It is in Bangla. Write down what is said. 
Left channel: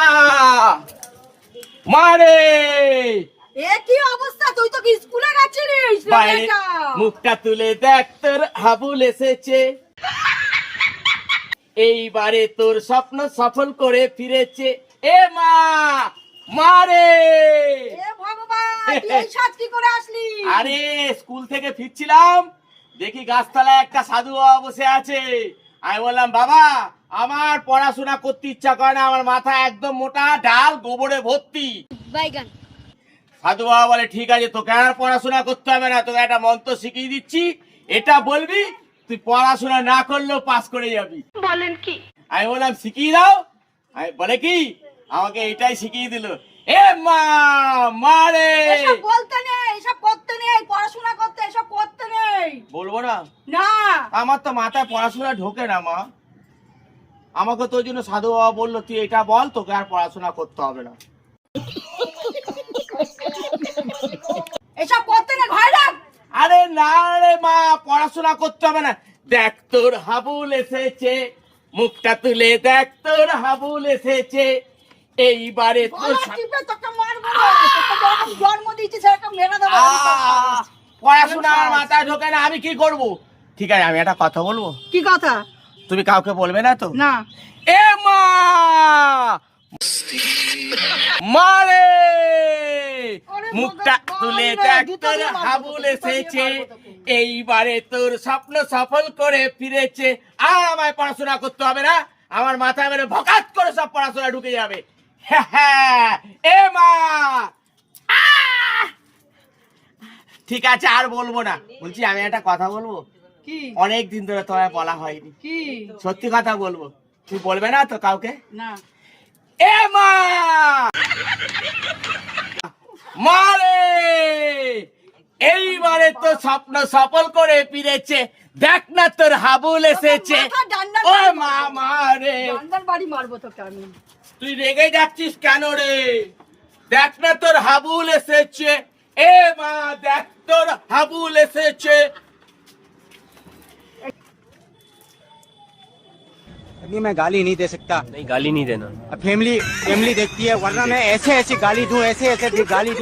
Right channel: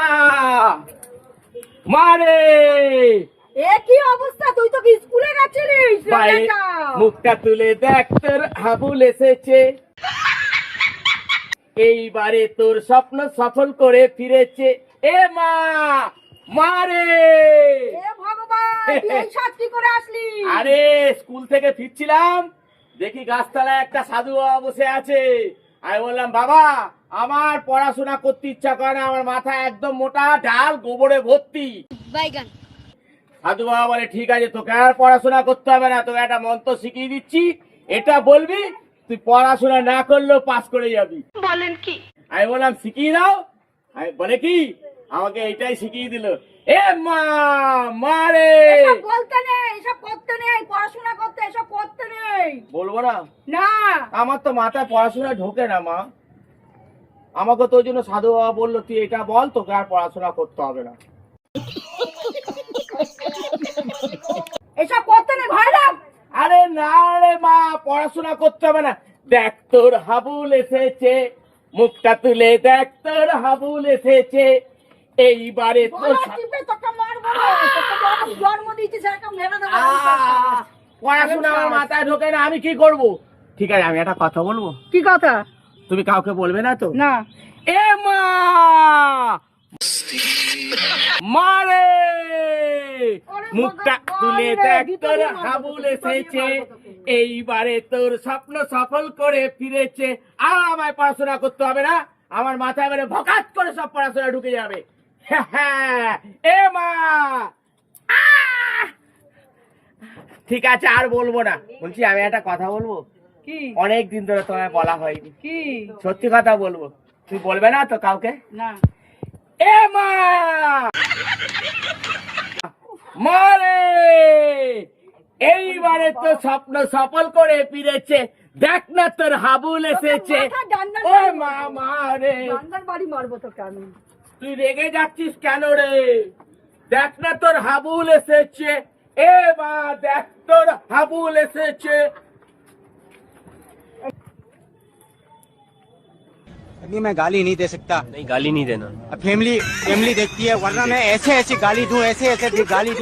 মা মারে এ কি অবস্থা? তুই তো কি স্কুলে গেছিলিস? বাইরে মুখটা তুলে দেখ তোর হাবুল এসেছে, এইবারে তোর স্বপ্ন সফল করে ফিরেছে। এ মা মারে এ ভগবান, তুই এই সাজ কি করে আসলি? আরে স্কুল থেকে ফিরছিলাম, দেখি গাছতলায় একটা সাধু বাবা বসে আছে। আমি বললাম বাবা আমার পড়াশোনা করতে ইচ্ছা করে না, আমার মাথা একদম মোটা, ডাল গোবরে ভর্তি। বাইগান। সাধু বাবা বলে ঠিক আছে তোকে আর পড়াশোনা করতে হবে না, তোকে একটা মন্ত্র শিখিয়ে দিচ্ছি, এটা বলবি তুই পড়াশোনা না করলেও পাস করে যাবি। বলেন কি? আমি বললাম শিখিয়ে দাও। আমি বলে কি আমাকে এটাই শিখিয়ে দিল। এ মা মারে এসব বলতে নেই, এসব করতে নেই, পড়াশোনা করতে, এসব করতে নেই। বলবো না, না। আমার তো মাথায় পড়াশোনা ঢোকে না মা। আমাকে তো ওই জন্য সাধু বাবা বললো তুই এটা বল, তোকে আর পড়াশোনা করতে হবে না। এসব করতে না, ঘরে রাখ। আরে না রে মা, পড়াশোনা করতে হবে না। দেখ তোর হাবুল এসেছে, মুখটা তুলে দেখ তোর হাবুল এসেছে, এইবারে তোর গলা টিপে তোকে মারবো না। তোকে যখন জন্ম দিয়েছি সেরকম মেরে দেবো। পড়াশোনা আমার মাথায় ঢোকে না, আমি কি করব? ঠিক আছে আমি একটা কথা বলবো, কি কথা? তুমি কাউকে বলবে না তো? না। এ মা মারে মুখটা তুলে দেখ তোর হাবুল এসেছে, এইবারে তোর স্বপ্ন সফল করে ফিরেছে। আর আমায় পড়াশোনা করতে হবে না, আমার মাথায় মেরে ভকাত করে সব পড়াশোনা ঢুকে যাবে। এ মা ঠিক আছে আর বলবো না। বলছি আমি একটা কথা বলবো, কি? অনেক দিন ধরে তোমায় বলা হয়নি, কি? সত্যি কথা বলবো, তুমি বলবে না তো কাউকে? না। এ মা মারে এইবারে তো স্বপ্ন সফল করে ফিরেছে, দেখ না তোর হাবুল এসেছে। ও মা মারে ডান্ডার বাড়ি মারবো তোকে আমি। তুই রেগে যাচ্ছিস কেন রে? দেখ না তোর হাবুল এসেছে। এ মা দেখ তোর হাবুল এসেছে। अभी मैं गाली नहीं दे सकता। नहीं गाली नहीं देना। फैमिली फैमिली देखती है, वरना मैं ऐसे ऐसे गाली दूं, ऐसे ऐसे गाली दूं।